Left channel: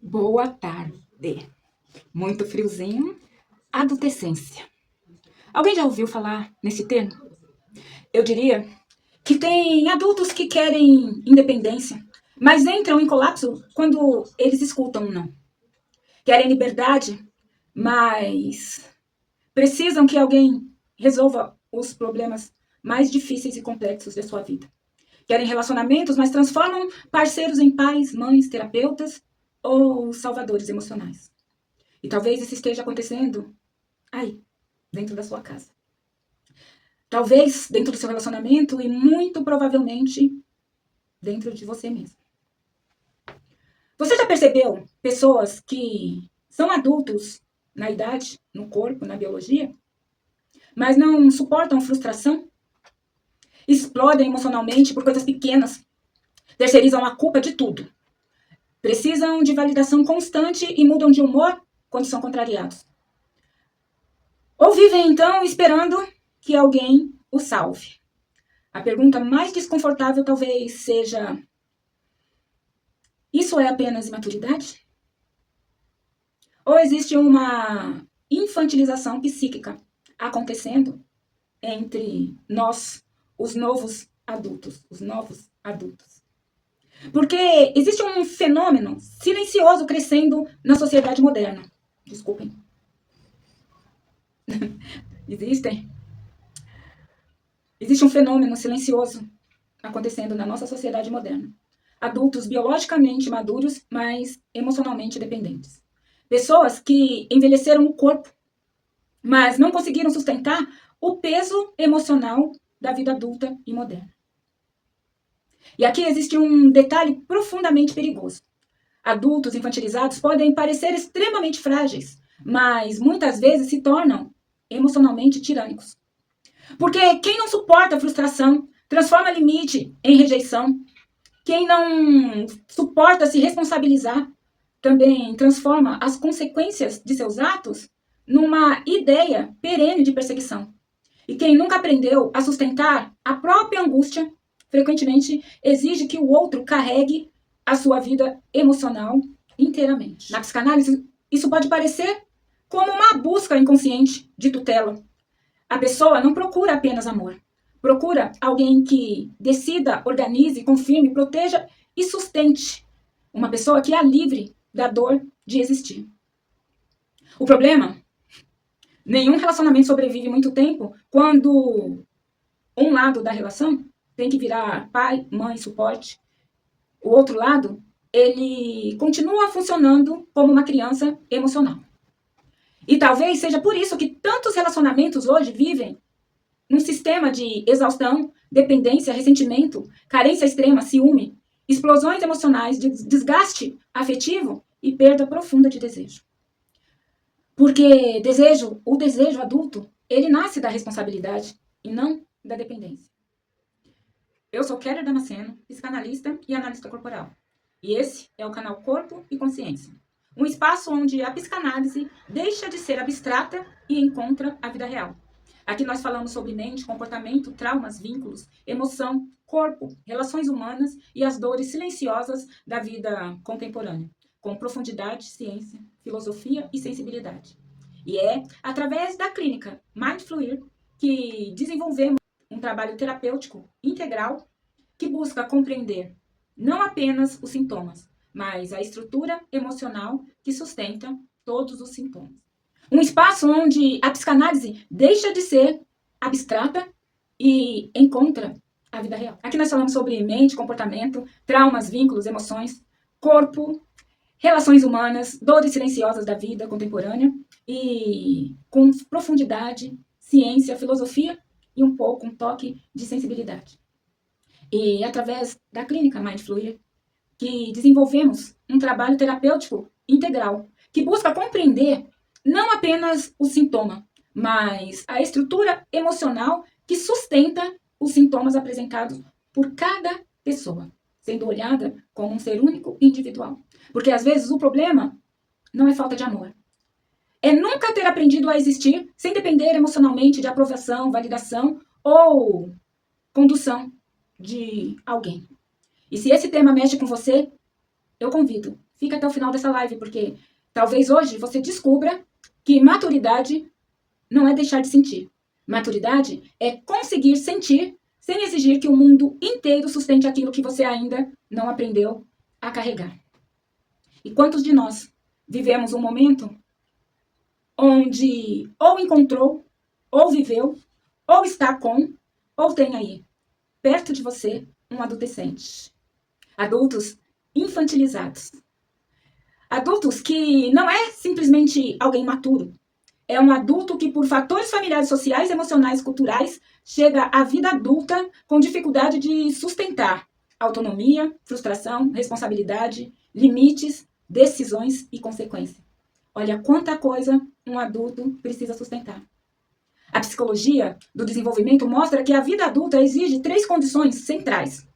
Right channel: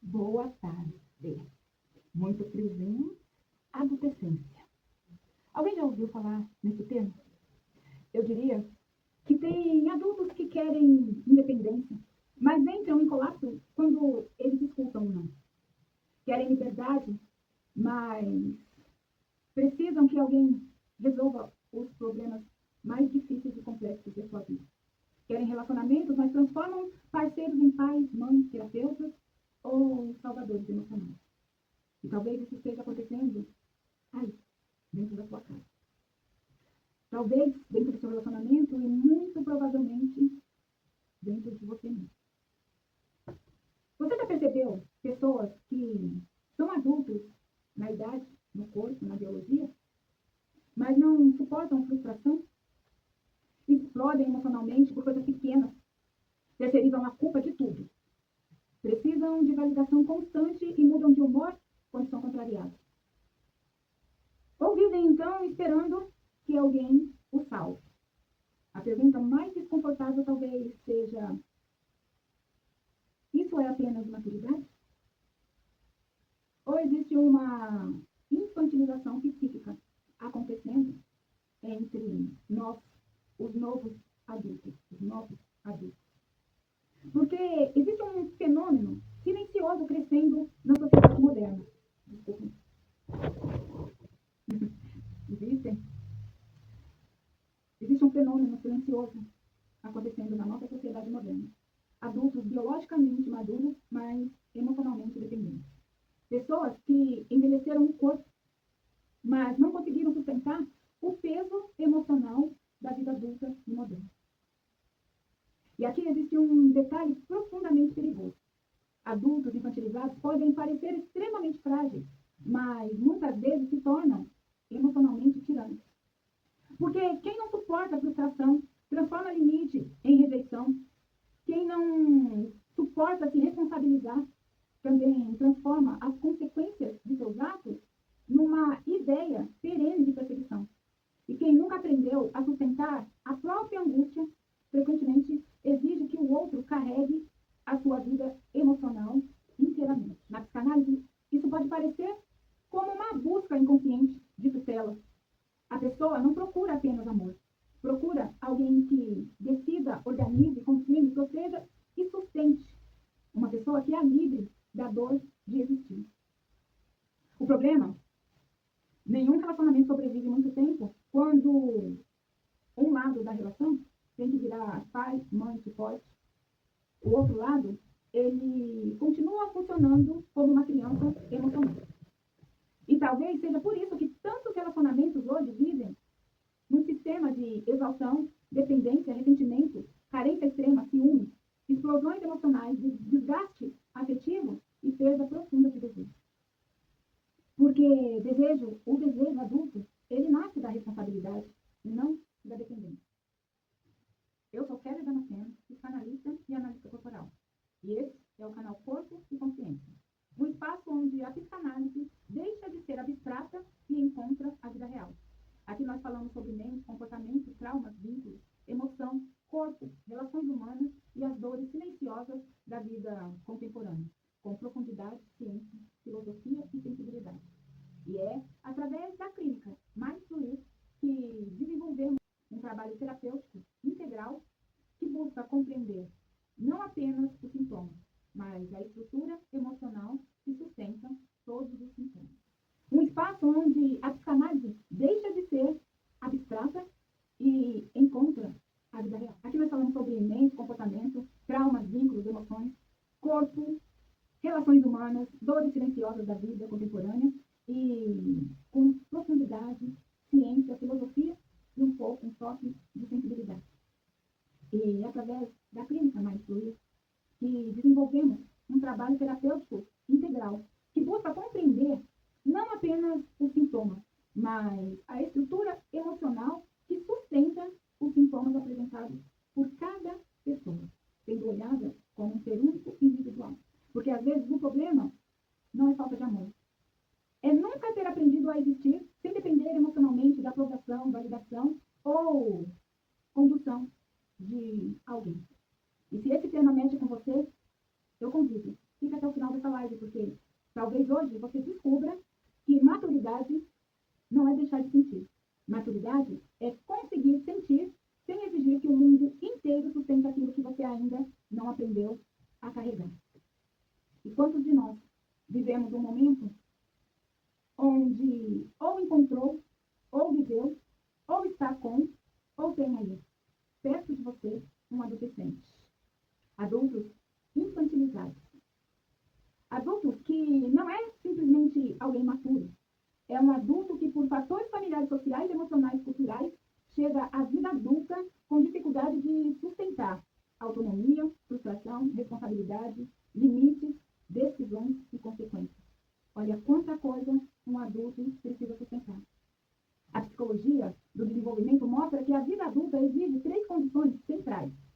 Boa tarde. Muito friozinho. Adolescência. Alguém já ouviu falar nesse termo? Eu diria que tem adultos que querem independência, mas entram em colapso quando eles escutam um não. Querem liberdade, mas precisam que alguém resolva os problemas mais difíceis e complexos da sua vida. Querem relacionamentos, mas transformam parceiros em pais, mães, terapeutas ou salvadores emocionais. E talvez isso esteja acontecendo aí, dentro da sua casa. Talvez dentro do seu relacionamento e muito provavelmente dentro de você mesmo. Você já percebeu pessoas que são adultos na idade, no corpo, na biologia, mas não suportam frustração? Explodem emocionalmente por coisas pequenas, terceirizam a culpa de tudo. Precisam de validação constante e mudam de humor quando são contrariados. Ou vivem então esperando que alguém o salve. A pergunta mais desconfortável talvez seja: isso é apenas imaturidade? Ou existe uma infantilização psíquica acontecendo entre nós, os novos adultos, Porque existe um fenômeno silencioso crescendo na sociedade moderna. Desculpem. Existe um fenômeno silencioso acontecendo na nossa sociedade moderna. Adultos biologicamente maduros, mas emocionalmente dependentes. Pessoas que envelheceram o corpo, mas não conseguiram sustentar o peso emocional da vida adulta e moderna. E aqui existe um detalhe profundamente perigoso. Adultos infantilizados podem parecer extremamente frágeis, mas muitas vezes se tornam emocionalmente tirânicos. Porque quem não suporta a frustração transforma limite em rejeição. Quem não suporta se responsabilizar também transforma as consequências de seus atos numa ideia perene de perseguição. E quem nunca aprendeu a sustentar a própria angústia, frequentemente exige que o outro carregue a sua vida emocional inteiramente. Na psicanálise, isso pode parecer como uma busca inconsciente de tutela. A pessoa não procura apenas amor. Procura alguém que decida, organize, confirme, proteja e sustente. Uma pessoa que a livre da dor de existir. O problema, nenhum relacionamento sobrevive muito tempo quando um lado da relação tem que virar pai, mãe, suporte. O outro lado, ele continua funcionando como uma criança emocional. E talvez seja por isso que tantos relacionamentos hoje vivem num sistema de exaustão, dependência, ressentimento, carência extrema, ciúme, explosões emocionais, desgaste afetivo e perda profunda de desejo. Porque o desejo adulto, ele nasce da responsabilidade e não da dependência. Eu sou Keller Damasceno, psicanalista e analista corporal. E esse é o canal Corpo e Consciência. Um espaço onde a psicanálise deixa de ser abstrata e encontra a vida real. Aqui nós falamos sobre mente, comportamento, traumas, vínculos, emoção, corpo, relações humanas e as dores silenciosas da vida contemporânea, com profundidade, ciência, filosofia e sensibilidade. E é através da clínica Mindfluir que desenvolvemos um trabalho terapêutico integral que busca compreender não apenas os sintomas, mas a estrutura emocional que sustenta todos os sintomas. Um espaço onde a psicanálise deixa de ser abstrata e encontra a vida real. Aqui nós falamos sobre mente, comportamento, traumas, vínculos, emoções, corpo, relações humanas, dores silenciosas da vida contemporânea e com profundidade, ciência, filosofia e um toque de sensibilidade. E através da clínica Mindfluir, que desenvolvemos um trabalho terapêutico integral, que busca compreender não apenas o sintoma, mas a estrutura emocional que sustenta os sintomas apresentados por cada pessoa, sendo olhada como um ser único e individual. Porque às vezes o problema não é falta de amor. É nunca ter aprendido a existir sem depender emocionalmente de aprovação, validação ou condução de alguém. E se esse tema mexe com você, eu convido Fica até o final dessa live, porque talvez hoje você descubra que maturidade não é deixar de sentir. Maturidade é conseguir sentir sem exigir que o mundo inteiro sustente aquilo que você ainda não aprendeu a carregar. E quantos de nós vivemos um momento onde ou encontrou, ou viveu, ou está com, ou tem aí, perto de você, um adolescente. Adultos infantilizados. Adultos que não é simplesmente alguém maturo. É um adulto que, por fatores familiares, sociais, emocionais, culturais, chega à vida adulta com dificuldade de sustentar autonomia, frustração, responsabilidade, limites, decisões e consequências. Olha quanta coisa um adulto precisa sustentar. A psicologia do desenvolvimento mostra que a vida adulta exige 3 condições centrais:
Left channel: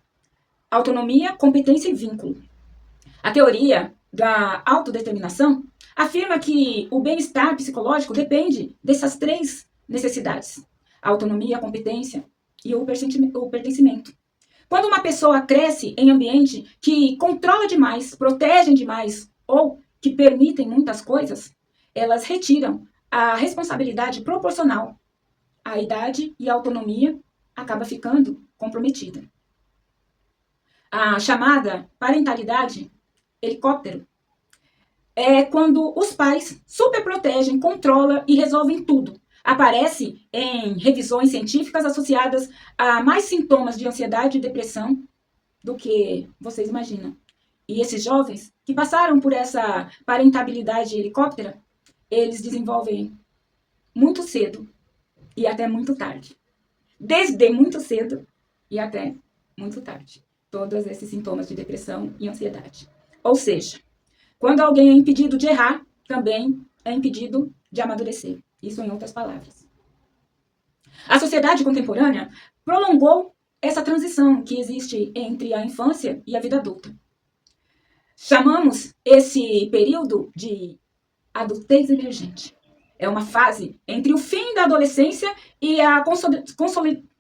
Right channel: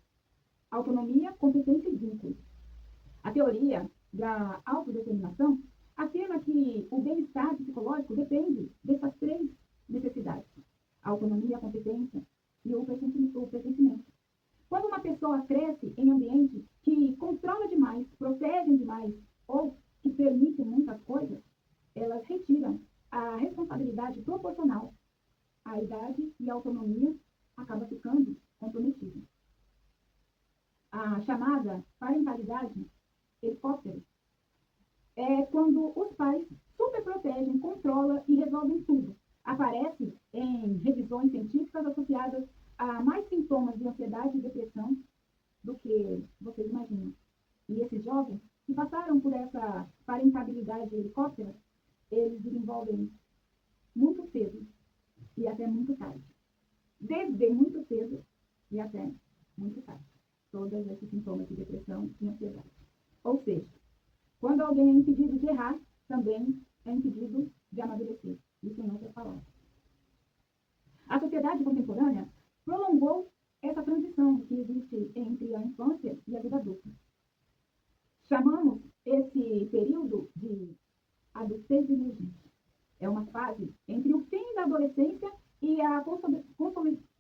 autonomia, competência e vínculo. A teoria da autodeterminação afirma que o bem-estar psicológico depende dessas 3 necessidades: a autonomia, a competência e o pertencimento. Quando uma pessoa cresce em ambiente que controla demais, protegem demais ou que permitem muitas coisas, elas retiram a responsabilidade proporcional. A idade e a autonomia acaba ficando comprometida. A chamada parentalidade helicóptero é quando os pais superprotegem, controlam e resolvem tudo. Aparece em revisões científicas associadas a mais sintomas de ansiedade e depressão do que vocês imaginam. E esses jovens que passaram por essa parentabilidade helicóptera, eles desenvolvem muito cedo e até muito tarde. Desde muito cedo e até muito tarde. Todos esses sintomas de depressão e ansiedade. Ou seja, quando alguém é impedido de errar, também é impedido de amadurecer. Isso em outras palavras. A sociedade contemporânea prolongou essa transição que existe entre a infância e a vida adulta. Chamamos esse período de adultez emergente. É uma fase entre o fim da adolescência e a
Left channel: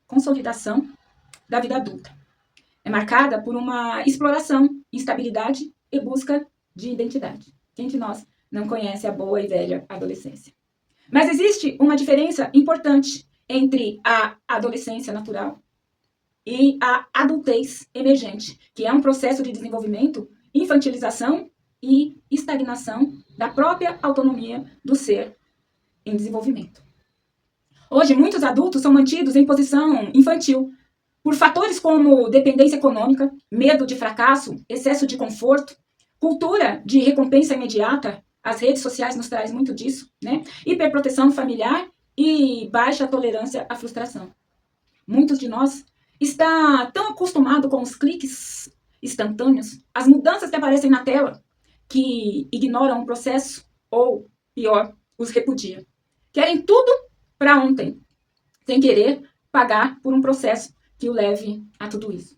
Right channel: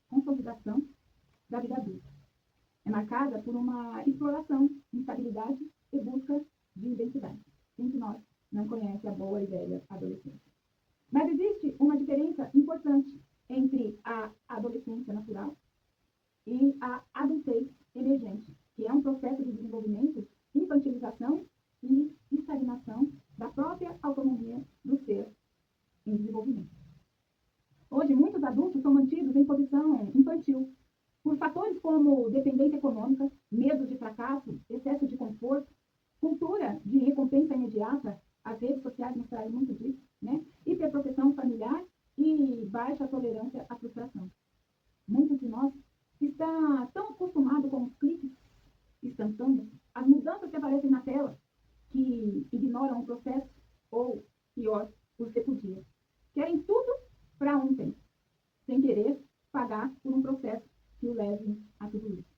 consolidação da vida adulta. É marcada por uma exploração, instabilidade e busca de identidade. Quem de nós não conhece a boa e velha adolescência? Mas existe uma diferença importante entre a adolescência natural e a adultez emergente, que é um processo de desenvolvimento, infantilização e estagnação da própria autonomia do ser em desenvolvimento. Hoje, muitos adultos são mantidos em posição infantil por fatores como dependência econômica, medo de fracasso, excesso de conforto, cultura de recompensa imediata. As redes sociais nos trazem muito disso, né? Hiperproteção familiar e baixa tolerância à frustração. Muitos de nós estão tão acostumados com os cliques instantâneos, as mudanças que aparecem na tela, que ignoram o processo ou, pior, os repudia. Querem tudo para ontem, sem querer pagar por um processo que o leve a tudo isso.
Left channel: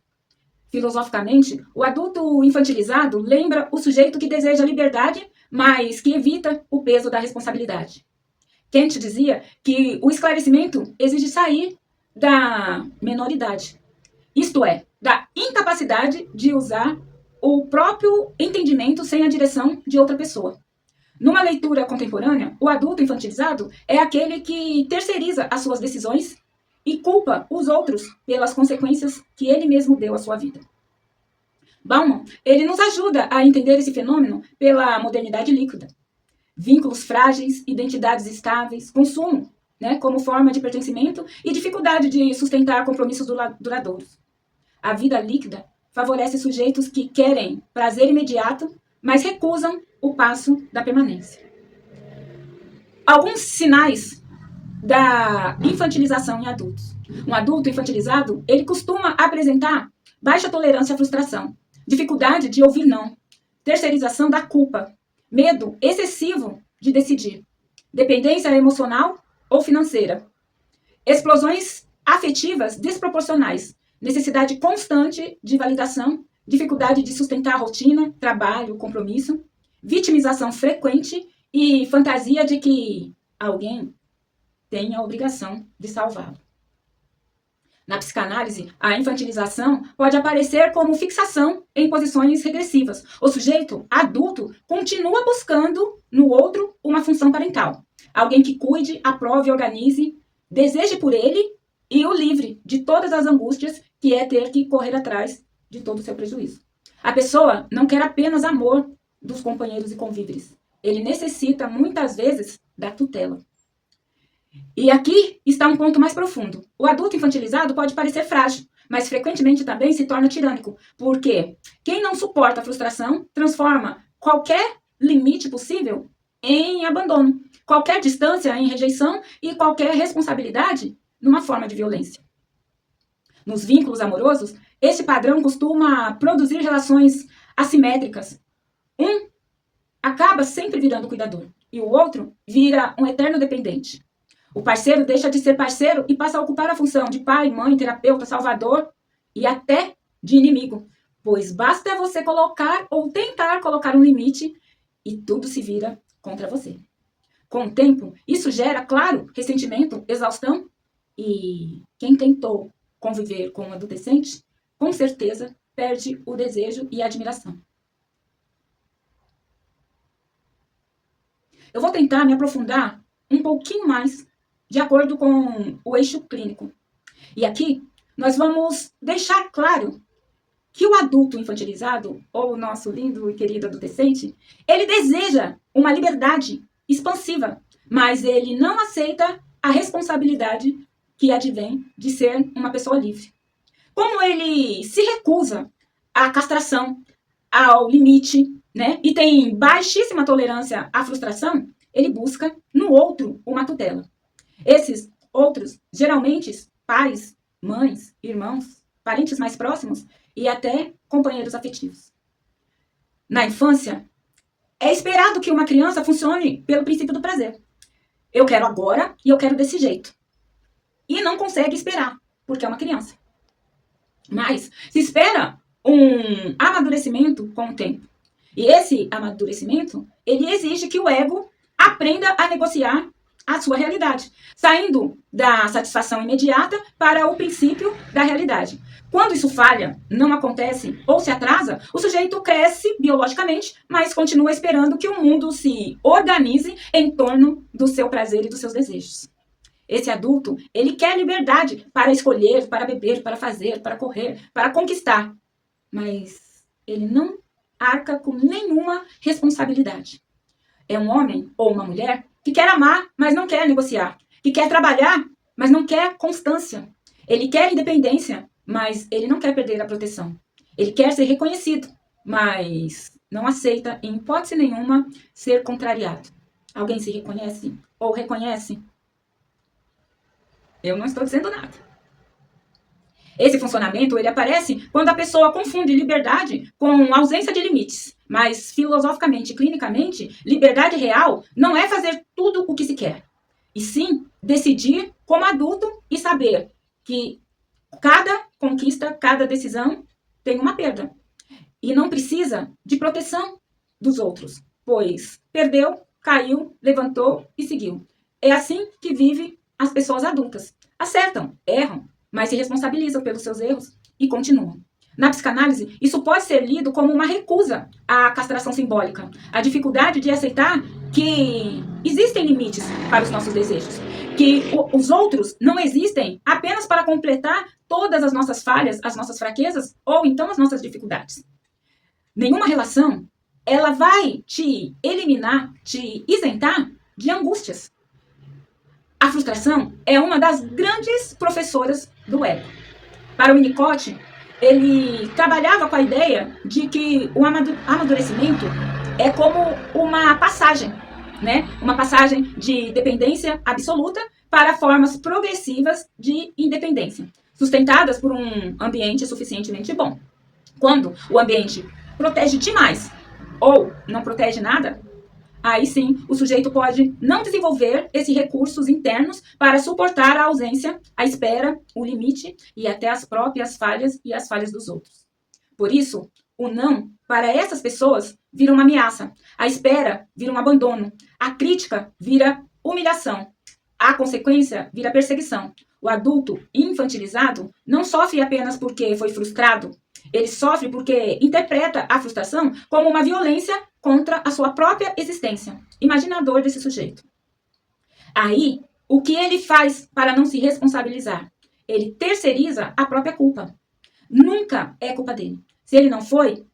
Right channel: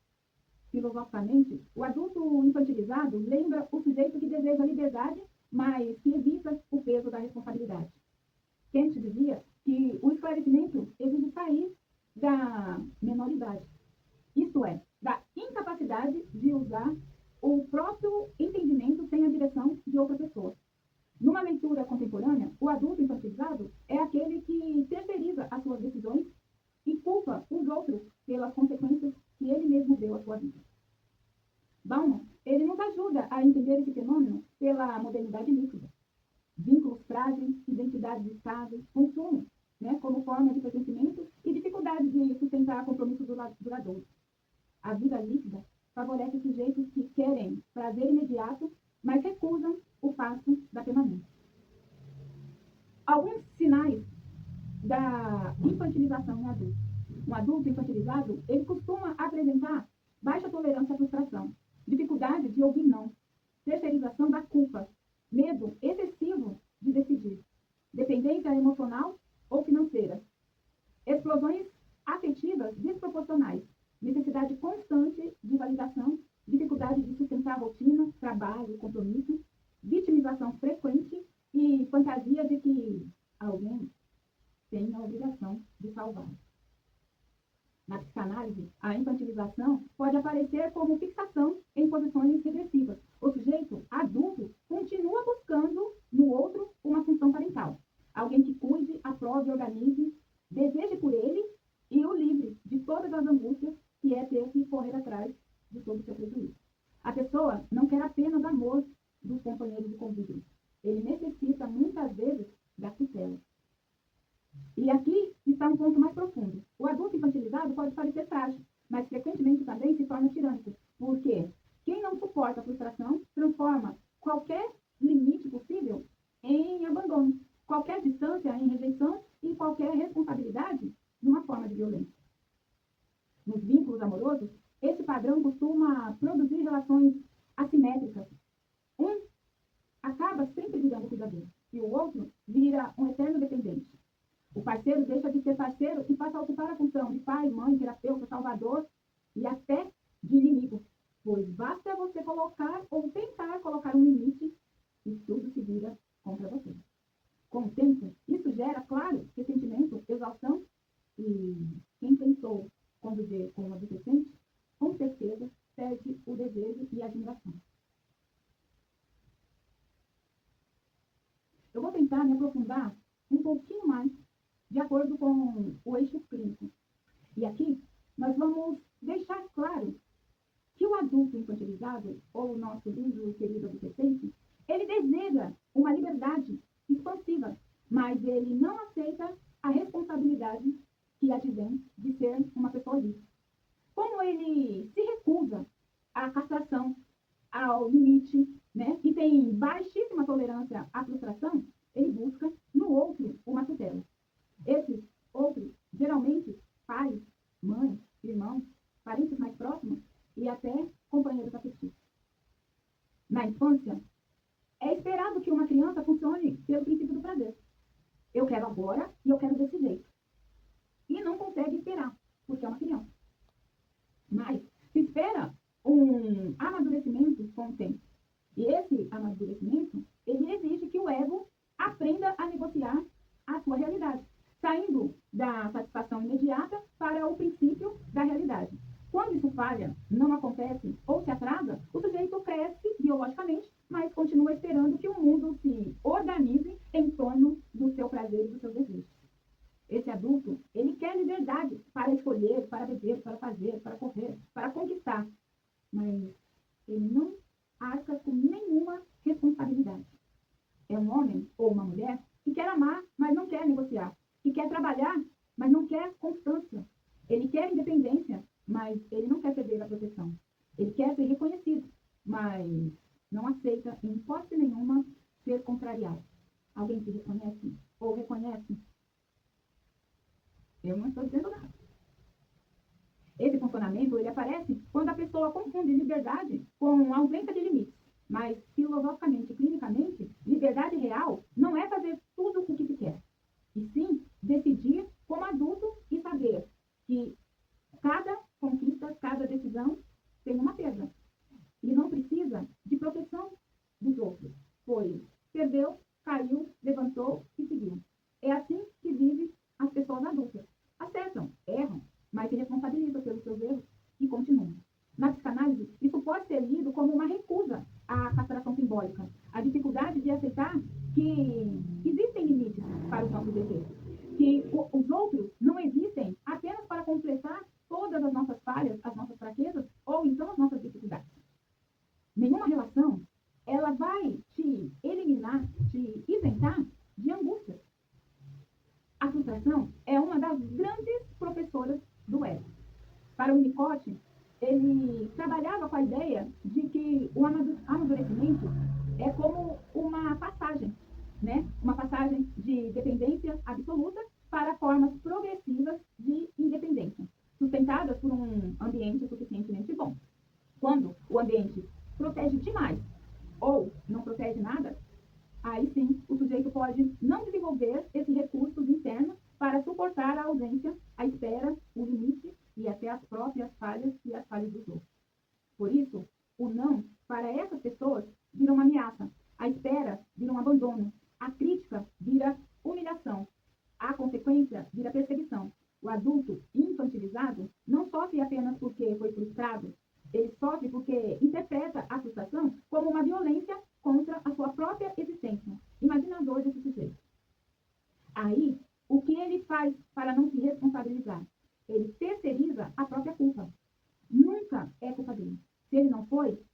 Filosoficamente, o adulto infantilizado lembra o sujeito que deseja liberdade, mas que evita o peso da responsabilidade. Kant dizia que o esclarecimento exige sair da menoridade, isto é, da incapacidade de usar o próprio entendimento sem a direção de outra pessoa. Numa leitura contemporânea, o adulto infantilizado é aquele que terceiriza as suas decisões e culpa os outros pelas consequências que ele mesmo deu à sua vida. Bauman, ele nos ajuda a entender esse fenômeno pela modernidade líquida. Vínculos frágeis, identidades estáveis, consumo, né, como forma de pertencimento e dificuldade de sustentar compromissos duradouros. A vida líquida favorece sujeitos que querem prazer imediato, mas recusam o passo da permanência. Alguns sinais da infantilização em adultos. Um adulto infantilizado, ele costuma apresentar baixa tolerância à frustração, dificuldade de ouvir não, terceirização da culpa, medo excessivo de decidir, dependência emocional ou financeira, explosões afetivas desproporcionais, necessidade constante de validação, dificuldade de sustentar a rotina, trabalho, compromisso, vitimização frequente e fantasia de que alguém tem a obrigação de salvá-lo. Na psicanálise, a infantilização pode aparecer como fixação em posições regressivas. O sujeito adulto continua buscando no outro uma função parental. Alguém que cuide, aprove, organize, deseje por ele e o livre de todas as angústias que é ter que correr atrás de todo o seu prejuízo. A pessoa não quer apenas amor dos companheiros e convíveres. Ele necessita, muitas vezes, da tutela. E aqui está um ponto mais profundo. O adulto infantilizado pode parecer frágil, mas frequentemente também se torna tirânico, porque quem não suporta a frustração transforma qualquer limite possível em abandono, qualquer distância em rejeição e qualquer responsabilidade numa forma de violência. Nos vínculos amorosos, esse padrão costuma produzir relações assimétricas. Um acaba sempre virando cuidador e o outro vira um eterno dependente. O parceiro deixa de ser parceiro e passa a ocupar a função de pai, mãe, terapeuta, salvador e até de inimigo, pois basta você colocar ou tentar colocar um limite e tudo se vira contra você. Com o tempo, isso gera, claro, ressentimento, exaustão e quem tentou conviver com um adolescente, com certeza perde o desejo e a admiração. Eu vou tentar me aprofundar um pouquinho mais de acordo com o eixo clínico. E aqui nós vamos deixar claro que o adulto infantilizado, ou o nosso lindo e querido adolescente, ele deseja uma liberdade expansiva, mas ele não aceita a responsabilidade que advém de ser uma pessoa livre. Como ele se recusa à castração, ao limite, né, e tem baixíssima tolerância à frustração, ele busca no outro uma tutela. Esses outros, geralmente, pais, mães, irmãos, parentes mais próximos e até companheiros afetivos. Na infância, é esperado que uma criança funcione pelo princípio do prazer. Eu quero agora e eu quero desse jeito. E não consegue esperar, porque é uma criança. Mas se espera um amadurecimento com o tempo. E esse amadurecimento, ele exige que o ego aprenda a negociar a sua realidade, saindo da satisfação imediata para o princípio da realidade. Quando isso falha, não acontece ou se atrasa, o sujeito cresce biologicamente, mas continua esperando que o mundo se organize em torno do seu prazer e dos seus desejos. Esse adulto, ele quer liberdade para escolher, para beber, para fazer, para correr, para conquistar, mas ele não arca com nenhuma responsabilidade. É um homem ou uma mulher que quer amar, mas não quer negociar. Que quer trabalhar, mas não quer constância. Ele quer independência, mas ele não quer perder a proteção. Ele quer ser reconhecido, mas não aceita, em hipótese nenhuma, ser contrariado. Alguém se reconhece ou reconhece? Eu não estou dizendo nada. Esse funcionamento, ele aparece quando a pessoa confunde liberdade com ausência de limites. Mas, filosoficamente e clinicamente, liberdade real não é fazer tudo o que se quer. E sim, decidir como adulto e saber que cada conquista, cada decisão tem uma perda. E não precisa de proteção dos outros, pois perdeu, caiu, levantou e seguiu. É assim que vive as pessoas adultas. Acertam, erram, mas se responsabilizam pelos seus erros e continuam. Na psicanálise, isso pode ser lido como uma recusa à castração simbólica, a dificuldade de aceitar que existem limites para os nossos desejos, que os outros não existem apenas para completar todas as nossas falhas, as nossas fraquezas ou então as nossas dificuldades. Nenhuma relação, ela vai te eliminar, te isentar de angústias. A frustração é uma das grandes professoras do ego. Para o Winnicott, ele trabalhava com a ideia de que o amadurecimento é como uma passagem, né? Uma passagem de dependência absoluta para formas progressivas de independência, sustentadas por um ambiente suficientemente bom. Quando o ambiente protege demais ou não protege nada, aí sim, o sujeito pode não desenvolver esses recursos internos para suportar a ausência, a espera, o limite e até as próprias falhas e as falhas dos outros. Por isso, o não para essas pessoas vira uma ameaça, a espera vira um abandono, a crítica vira humilhação, a consequência vira perseguição. O adulto infantilizado não sofre apenas porque foi frustrado, ele sofre porque interpreta a frustração como uma violência contra a sua própria existência. Imagina a dor desse sujeito. Aí, o que ele faz para não se responsabilizar? Ele terceiriza a própria culpa. Nunca é culpa dele. Se ele não foi,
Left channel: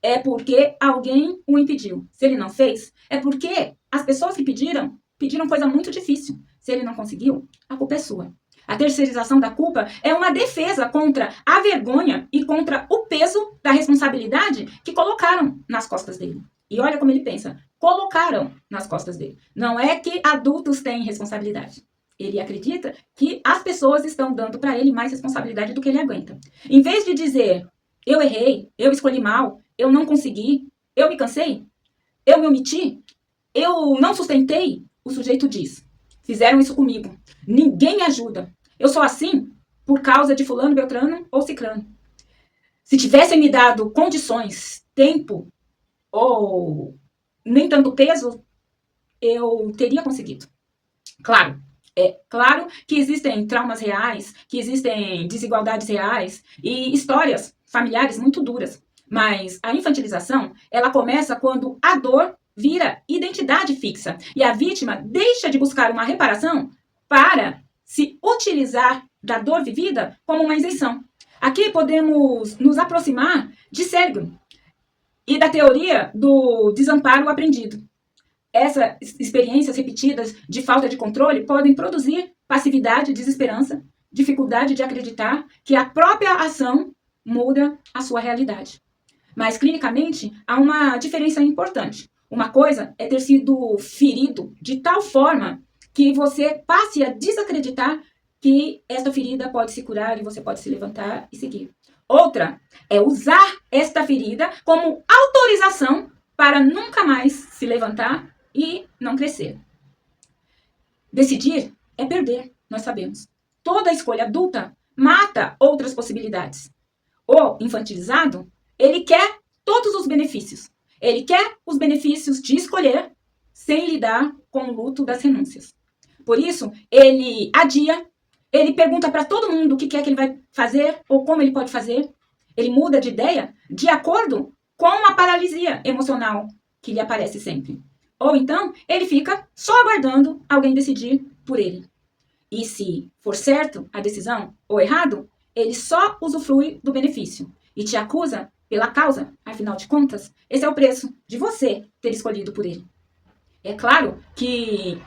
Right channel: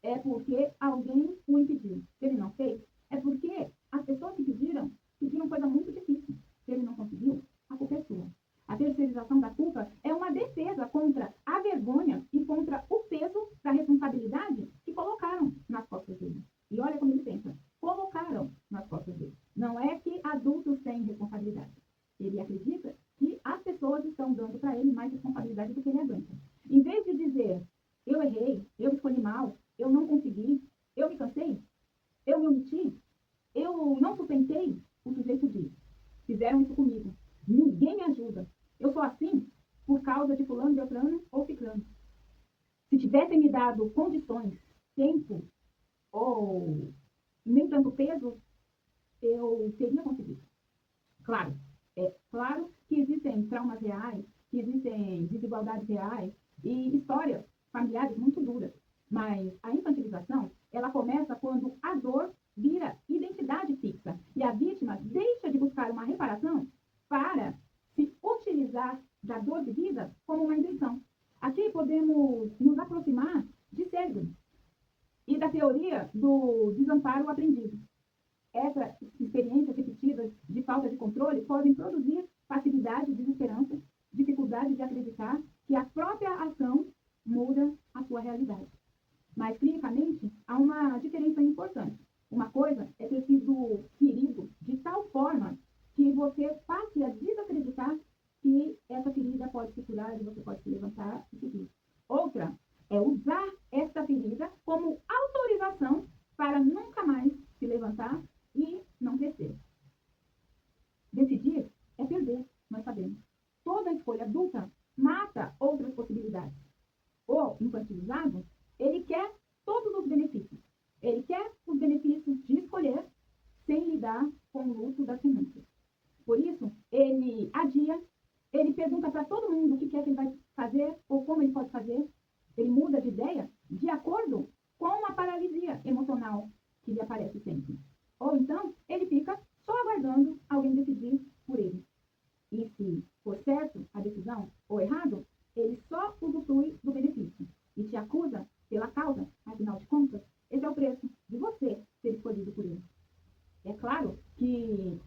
é porque alguém o impediu. Se ele não fez, é porque as pessoas que pediram coisa muito difícil. Se ele não conseguiu, a culpa é sua. A terceirização da culpa é uma defesa contra a vergonha e contra o peso da responsabilidade que colocaram nas costas dele. E olha como ele pensa. Colocaram nas costas dele. Não é que adultos têm responsabilidade. Ele acredita que as pessoas estão dando para ele mais responsabilidade do que ele aguenta. Em vez de dizer, eu errei, eu escolhi mal, eu não consegui, eu me cansei, eu me omiti, eu não sustentei, o sujeito diz, fizeram isso comigo, ninguém me ajuda, eu sou assim por causa de fulano, beltrano ou cicrano. Se tivessem me dado condições, tempo ou nem tanto peso, eu teria conseguido. Claro, é claro que existem traumas reais, que existem desigualdades reais e histórias familiares muito duras. Mas a infantilização, ela começa quando a dor vira identidade fixa e a vítima deixa de buscar uma reparação para se utilizar da dor vivida como uma isenção. Aqui podemos nos aproximar de Seligman e da teoria do desamparo aprendido. Essas experiências repetidas de falta de controle podem produzir passividade, desesperança, dificuldade de acreditar que a própria ação muda a sua realidade. Mas, clinicamente, há uma diferença importante. Uma coisa é ter sido ferido de tal forma que você passe a desacreditar que esta ferida pode se curar e você pode se levantar e seguir. Outra é usar esta ferida como autorização para nunca mais se levantar e não crescer. Decidir é perder, nós sabemos. Toda escolha adulta mata outras possibilidades. O infantilizado, ele quer todos os benefícios. Ele quer os benefícios de escolher sem lidar com o luto das renúncias. Por isso, ele adia, ele pergunta para todo mundo o que é que ele vai fazer ou como ele pode fazer. Ele muda de ideia de acordo com a paralisia emocional que lhe aparece sempre. Ou então, ele fica só aguardando alguém decidir por ele. E se for certo a decisão ou errado, ele só usufrui do benefício e te acusa pela causa, afinal de contas, esse é o preço de você ter escolhido por ele. É claro que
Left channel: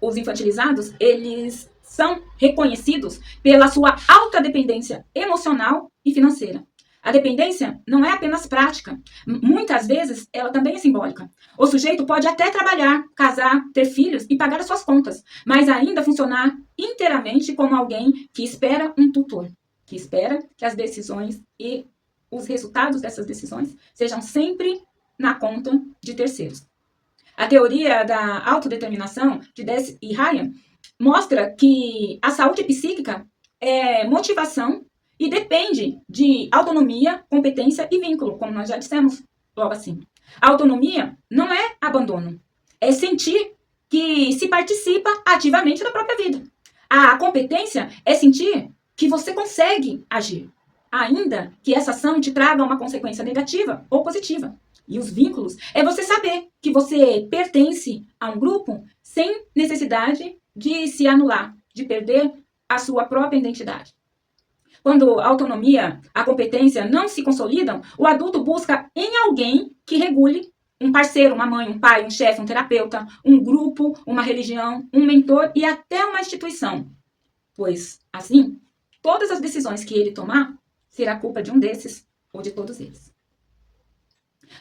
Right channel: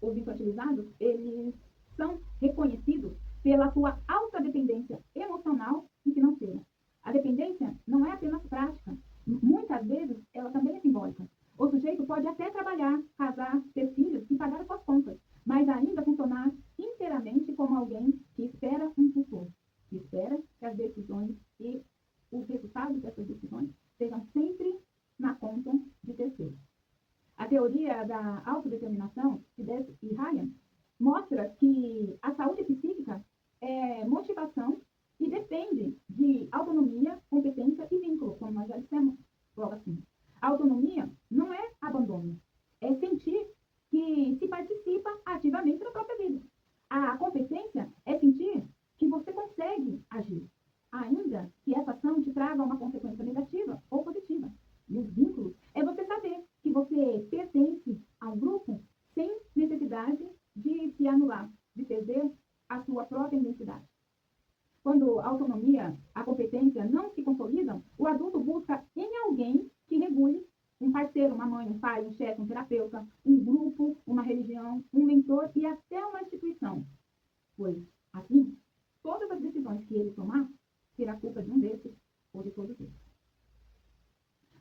os infantilizados, eles são reconhecidos pela sua alta dependência emocional e financeira. A dependência não é apenas prática. Muitas vezes, ela também é simbólica. O sujeito pode até trabalhar, casar, ter filhos e pagar as suas contas, mas ainda funcionar inteiramente como alguém que espera um tutor, que espera que as decisões e os resultados dessas decisões sejam sempre na conta de terceiros. A teoria da autodeterminação de Deci e Ryan mostra que a saúde psíquica é motivação e depende de autonomia, competência e vínculo, como nós já dissemos logo assim. A autonomia não é abandono, é sentir que se participa ativamente da própria vida. A competência é sentir que você consegue agir, ainda que essa ação te traga uma consequência negativa ou positiva. E os vínculos é você saber que você pertence a um grupo sem necessidade de se anular, de perder a sua própria identidade. Quando a autonomia, a competência não se consolidam, o adulto busca em alguém que regule, um parceiro, uma mãe, um pai, um chefe, um terapeuta, um grupo, uma religião, um mentor e até uma instituição. Pois, assim, todas as decisões que ele tomar será culpa de um desses ou de todos eles.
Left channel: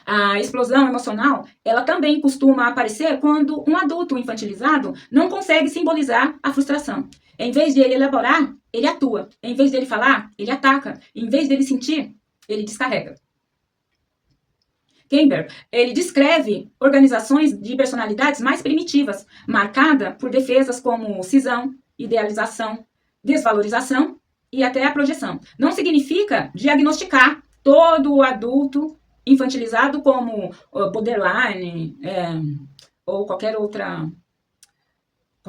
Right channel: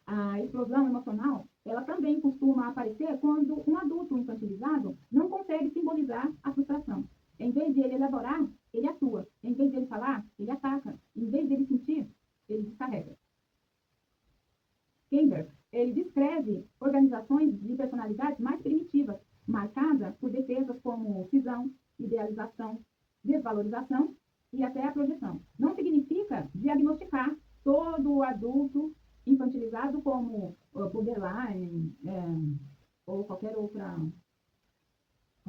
A explosão emocional, ela também costuma aparecer quando um adulto infantilizado não consegue simbolizar a frustração. Em vez de ele elaborar, ele atua. Em vez de ele falar, ele ataca. Em vez de ele sentir, ele descarrega. Kemper, ele descreve organizações de personalidades mais primitivas, marcada por defesas como cisão, idealização, desvalorização e até a projeção. Não significa diagnosticar todo o adulto infantilizado como borderline ou qualquer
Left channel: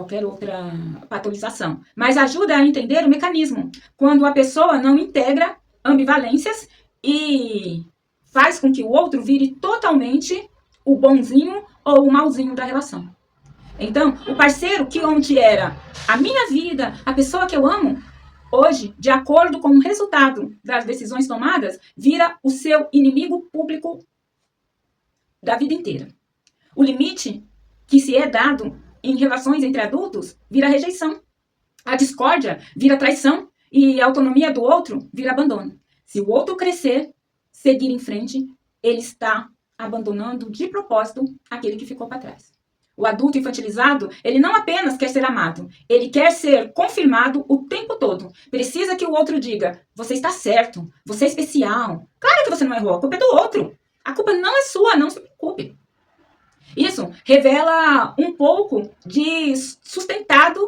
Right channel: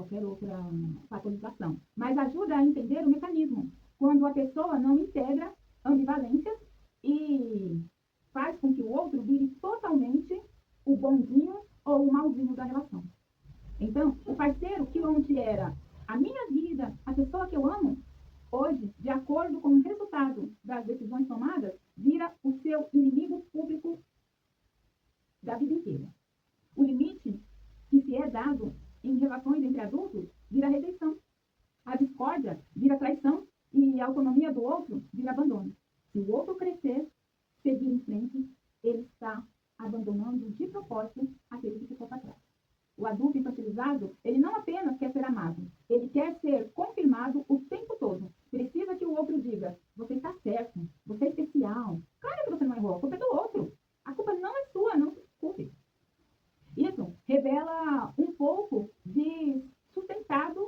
qualquer outra patologização, mas ajuda a entender o mecanismo, quando a pessoa não integra ambivalências e faz com que o outro vire totalmente o bonzinho ou o malzinho da relação. Então, o parceiro que ontem era a minha vida, a pessoa que eu amo, hoje, de acordo com o resultado das decisões tomadas, vira o seu inimigo público da vida inteira. O limite que se é dado em relações entre adultos vira rejeição. A discórdia vira traição e a autonomia do outro vira abandono. Se o outro crescer, seguir em frente, ele está abandonando de propósito aquele que ficou para trás. O adulto infantilizado, ele não apenas quer ser amado, ele quer ser confirmado o tempo todo. Precisa que o outro diga, você está certo, você é especial. Claro que você não errou, a culpa é do outro. A culpa não é sua, não se preocupe. Isso revela um pouco de sustentado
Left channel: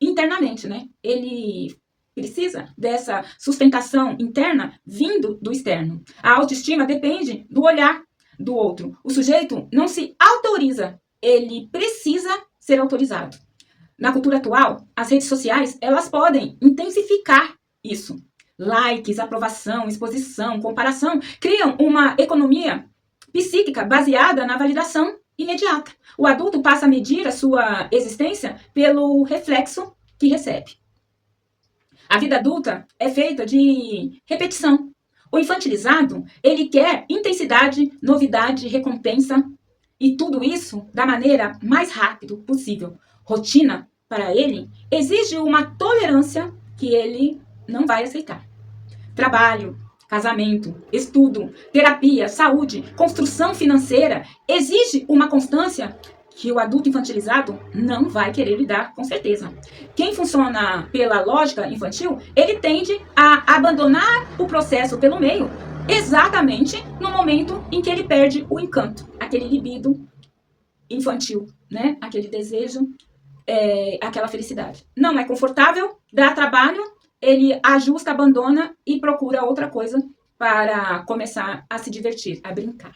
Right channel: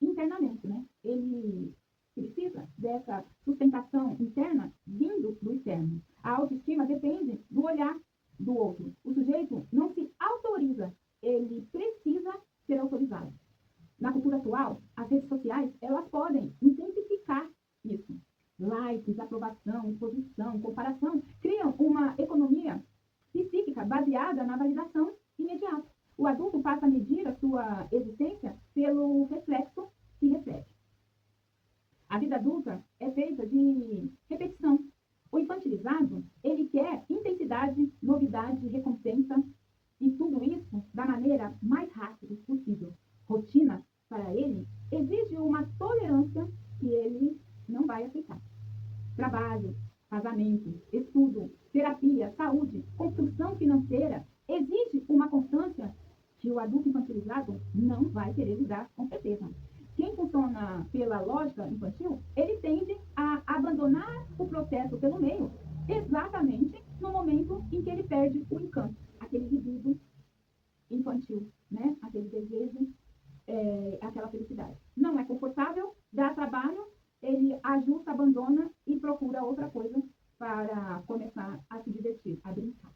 internamente, né? Ele precisa dessa sustentação interna vindo do externo. A autoestima depende do olhar do outro. O sujeito não se autoriza, ele precisa ser autorizado. Na cultura atual, as redes sociais, elas podem intensificar isso. Likes, aprovação, exposição, comparação, criam uma economia psíquica baseada na validação imediata. O adulto passa a medir a sua existência pelo reflexo que recebe. A vida adulta é feita de repetição. O infantilizado, ele quer intensidade, novidade, recompensa e tudo isso da maneira mais rápida possível. Rotina, para ele, exige uma tolerância que ele não vai aceitar. Trabalho, casamento, estudo, terapia, saúde, construção financeira, exige uma constância que o adulto infantilizado não vai querer lidar, com certeza. Quem funciona pela lógica infantil, ele tende a abandonar o processo pelo meio, exatamente no momento em que ele perde o encanto, aquele libido infantil, né? Aquele desejo, aquela felicidade. Não é confortável, dá trabalho, ele ajusta, abandona e procura outra coisa para começar a se divertir, a brincar.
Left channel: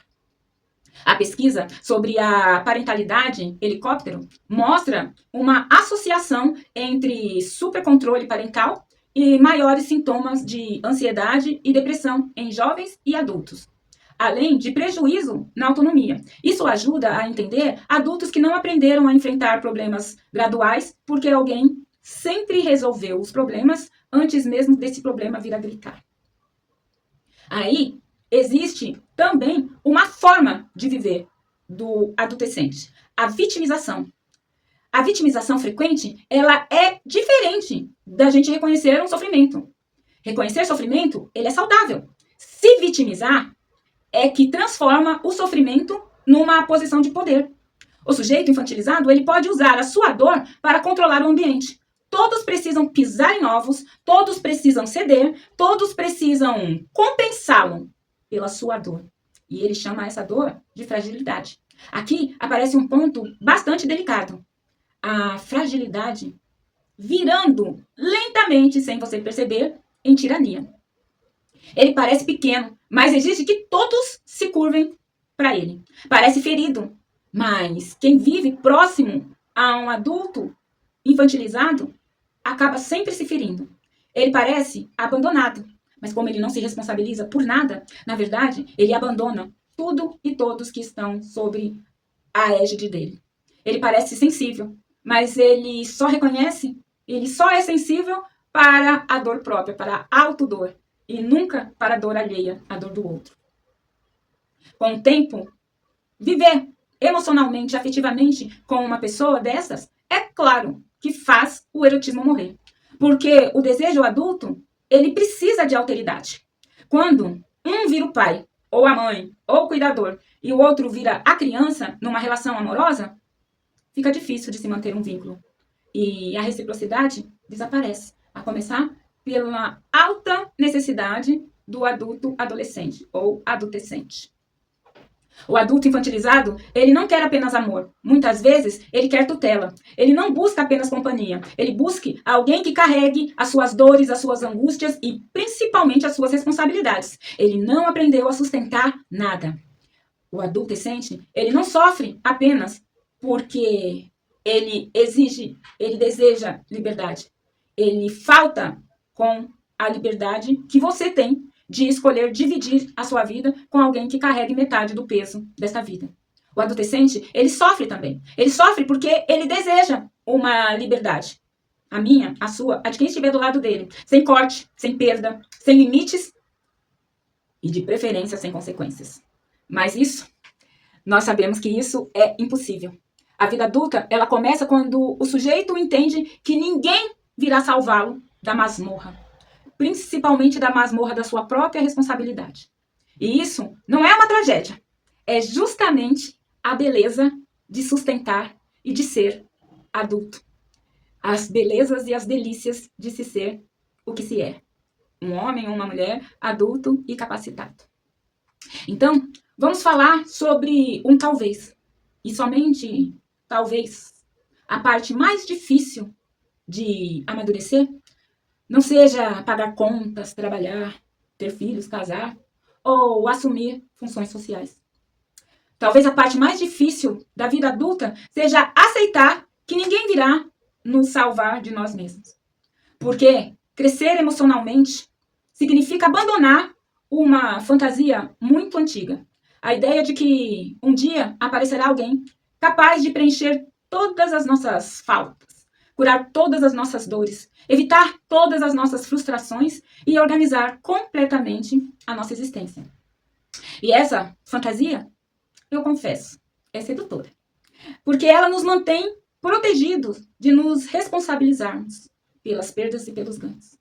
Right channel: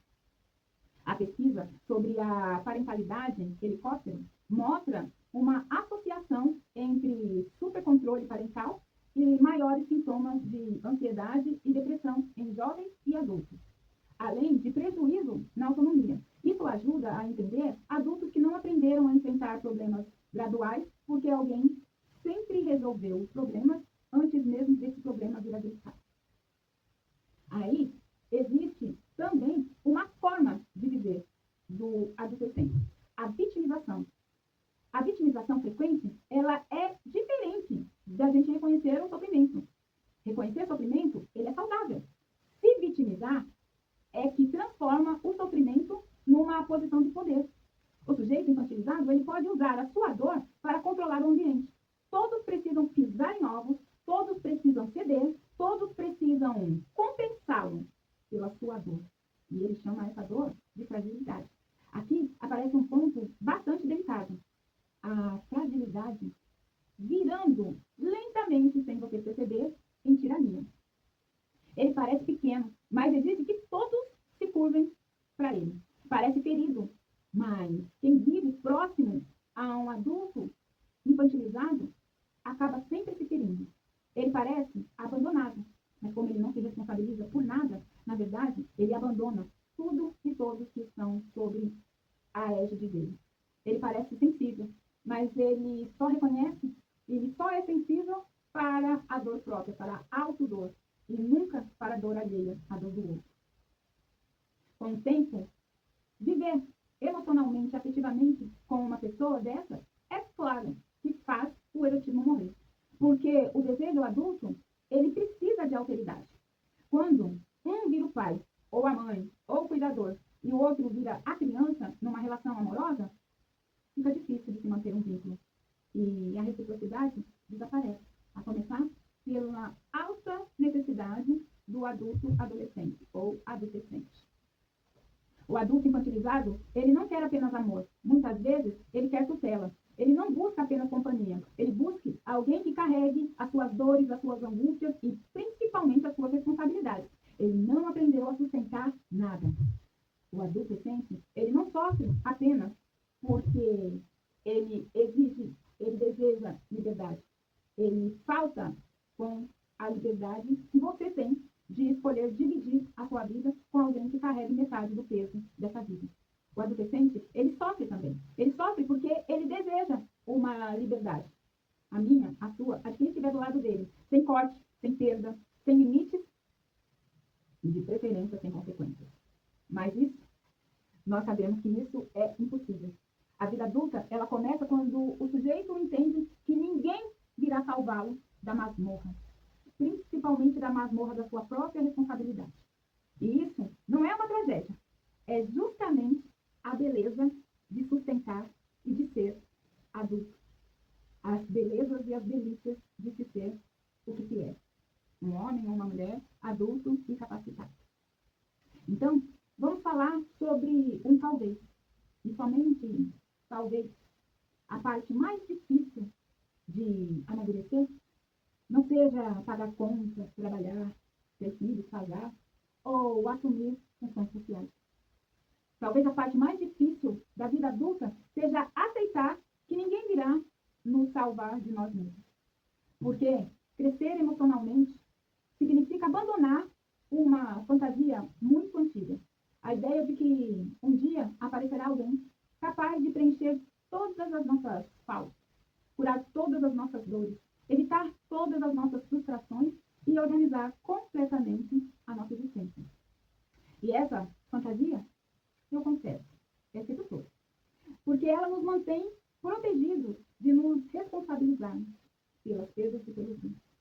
A pesquisa sobre a parentalidade helicóptero mostra uma associação entre supercontrole parental e maiores sintomas de ansiedade e depressão em jovens e adultos, além de prejuízo na autonomia. Isso ajuda a entender adultos que não aprenderam a enfrentar problemas graduais porque alguém sempre resolveu os problemas antes mesmo desse problema vir a gritar. Aí existe também uma forma de viver do adolescente, a vitimização. A vitimização frequente, ela é diferente da gente reconhecer um sofrimento. Reconhecer sofrimento, ele é saudável. Se vitimizar é que transforma o sofrimento numa posição de poder. O sujeito infantilizado, ele pode usar a sua dor para controlar o ambiente. Todos precisam pisar em ovos, todos precisam ceder, todos precisam compensá-lo pela sua dor. E ele chama essa dor de fragilidade. Aqui aparece um ponto bastante delicado. A fragilidade virando lentamente, sem você perceber, em tirania. Ele parece pequeno, mas exige que todos se curvem para ele. Parece ferido, mas quem vive próximo a um adulto infantilizado acaba sempre se ferindo. Ele parece abandonado, mas como ele não se responsabiliza por nada, na verdade, ele abandona tudo e todos que estão sobre a égide dele. Ele parece sensível, mas ele só reconhece, ele só é sensível para a dor própria, para a autodor, e nunca para a dor alheia, a dor do outro. Com o tempo, viver emocionalmente, afetivamente com uma pessoa dessas, é claro que faz o erotismo morrer. Porque o desejo adulto, ele precisa de alteridade. Quando um vira o pai, ou a mãe, ou o cuidador, e o outro vira a criança numa relação amorosa, fica difícil de se manter um vínculo. E a reciprocidade desaparece. A começar pela alta necessidade do adulto adolescente ou adolescente. O adulto infantilizado, ele não quer apenas amor. Muitas vezes, ele quer tutela. Ele não busca apenas companhia. Ele busca alguém que carregue as suas dores, as suas angústias e, principalmente, as suas responsabilidades. Ele não aprendeu a sustentar nada. O adolescente, ele não sofre apenas porque ele exige, ele deseja liberdade. Ele falta com a liberdade que você tem de escolher dividir a sua vida com alguém que carregue metade do peso dessa vida. O adolescente, ele sofre também. Ele sofre porque ele deseja uma liberdade. A minha, a sua, a de quem estiver do lado dele. Sem corte, sem perda, sem limites e, de preferência, sem consequências. Mas isso, nós sabemos que isso é impossível. A vida adulta, ela começa quando o sujeito entende que ninguém virá salvá-lo da masmorra. Principalmente da masmorra da sua própria responsabilidade. E isso não é uma tragédia. É justamente a beleza de sustentar e de ser adulto. As belezas e as delícias de se ser o que se é. Um homem ou uma mulher adulto e capacitado. Então, vamos falar sobre um talvez. E somente talvez a parte mais difícil de amadurecer não seja pagar contas, trabalhar, ter filhos, casar ou assumir funções sociais. Talvez a parte mais difícil da vida adulta seja aceitar que ninguém virá nos salvar de nós mesmos. Porque crescer emocionalmente significa abandonar uma fantasia muito antiga. A ideia de que um dia aparecerá alguém capaz de preencher todas as nossas faltas, curar todas as nossas dores, evitar todas as nossas frustrações e organizar completamente a nossa existência. E essa fantasia, eu confesso, é sedutora. Porque ela nos mantém protegidos de nos responsabilizarmos pelas perdas e pelos ganhos.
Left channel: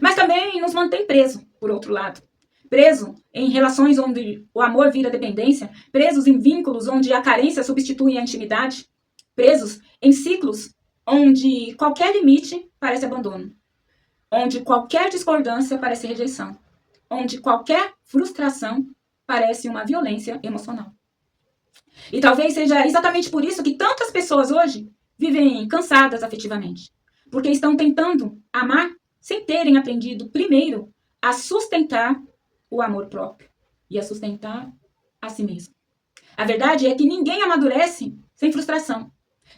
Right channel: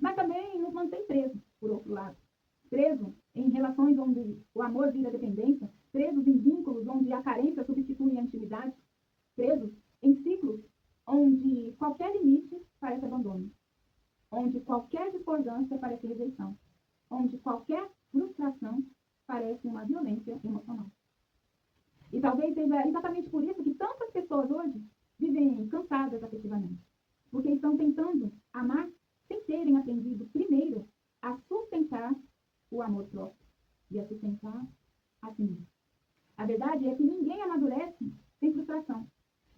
Mas também nos mantém preso, por outro lado. Preso em relações onde o amor vira dependência, presos em vínculos onde a carência substitui a intimidade, presos em ciclos onde qualquer limite parece abandono, onde qualquer discordância parece rejeição, onde qualquer frustração parece uma violência emocional. E talvez seja exatamente por isso que tantas pessoas hoje vivem cansadas afetivamente, porque estão tentando amar sem terem aprendido primeiro a sustentar o amor próprio e a sustentar a si mesmo. A verdade é que ninguém amadurece sem frustração.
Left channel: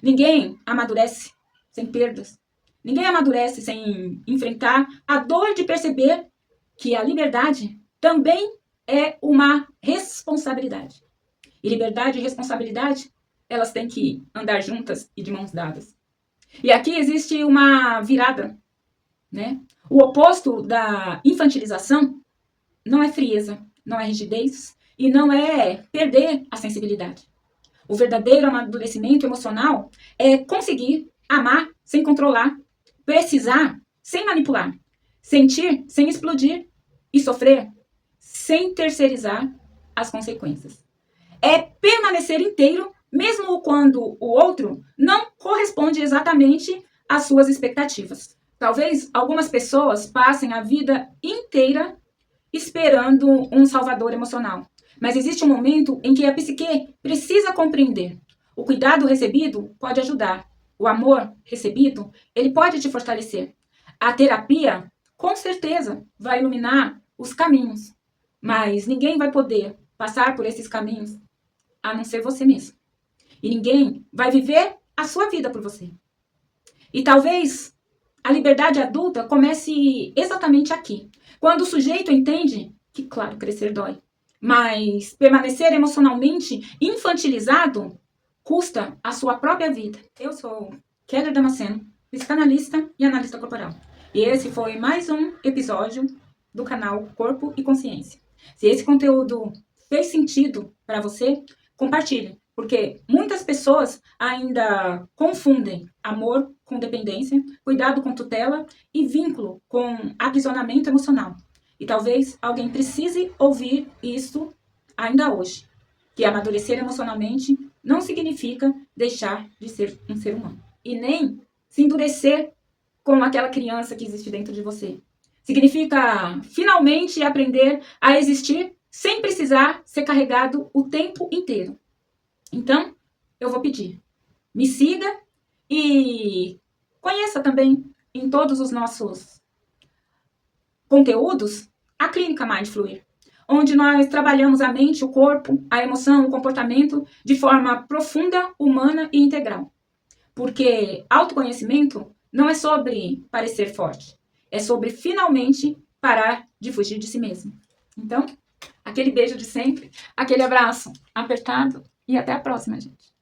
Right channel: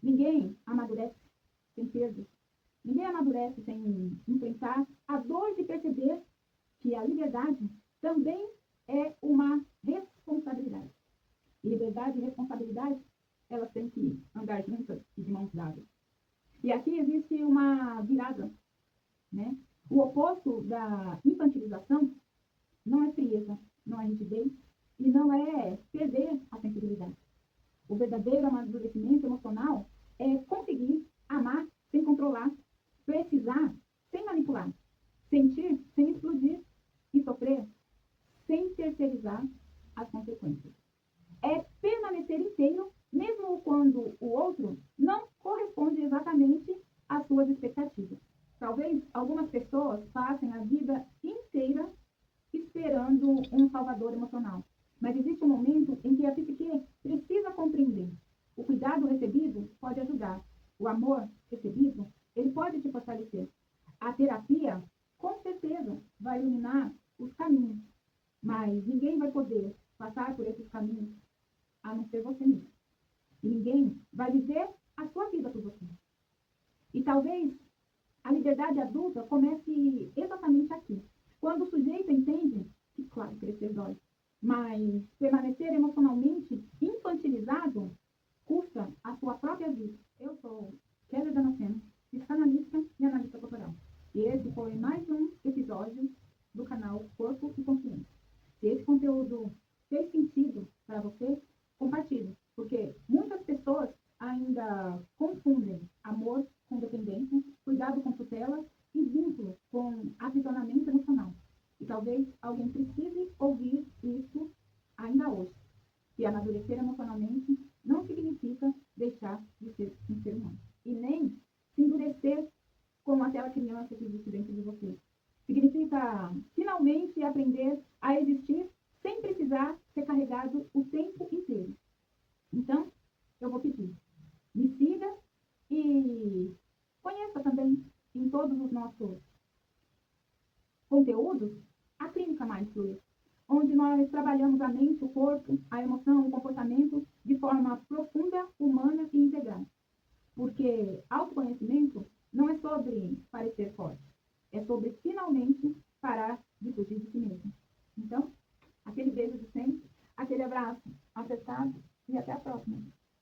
Ninguém amadurece sem perdas. Ninguém amadurece sem enfrentar a dor de perceber que a liberdade também é uma responsabilidade. E liberdade e responsabilidade, elas têm que andar juntas e de mãos dadas. E aqui existe uma virada, né? O oposto da infantilização não é frieza, não é rigidez e não é perder a sensibilidade. O verdadeiro amadurecimento emocional é conseguir amar sem controlar, precisar sem manipular, sentir sem explodir e sofrer sem terceirizar as consequências. É permanecer inteiro, mesmo quando o outro não corresponde exatamente às suas expectativas. Talvez algumas pessoas passem a vida inteira esperando um salvador emocional. Mas existe um momento em que a psique precisa compreender. O cuidado recebido pode ajudar. O amor recebido, ele pode te fortalecer. A terapia, com certeza, vai iluminar os caminhos. Mas ninguém vai poder passar por esses caminhos a não ser você mesmo. E ninguém vai viver a sua vida por você. E talvez a liberdade adulta comece exatamente aqui. Quando o sujeito entende que, claro, crescer dói, mas permanecer emocionalmente infantilizado custa a sua própria vida. Eu sou Keller Damasceno, psicanalista e analista corporal. E esse foi mais um episódio do canal Corpo e Consciência. Se esse conteúdo fez sentido para você, compartilhe, porque muitas pessoas ainda confundem amor com dependência, cuidado com tutela e vínculo com aprisionamento emocional. E talvez alguém precise ouvir isso ainda hoje, que amadurecer emocionalmente não significa deixar de ser um ser humano. E nem se endurecer como aquela criança que existe dentro de você. Significa finalmente aprender a existir sem precisar ser carregado o tempo inteiro. Então, eu vou pedir, me siga e conheça também em todos os nossos conteúdos a Clínica Mind Fluir, onde nós trabalhamos a mente, o corpo, a emoção, o comportamento de forma profunda, humana e integral. Porque autoconhecimento não é sobre parecer forte, é sobre finalmente parar de fugir de si mesmo. Então, aquele beijo de sempre, aquele abraço apertado e até a próxima, gente.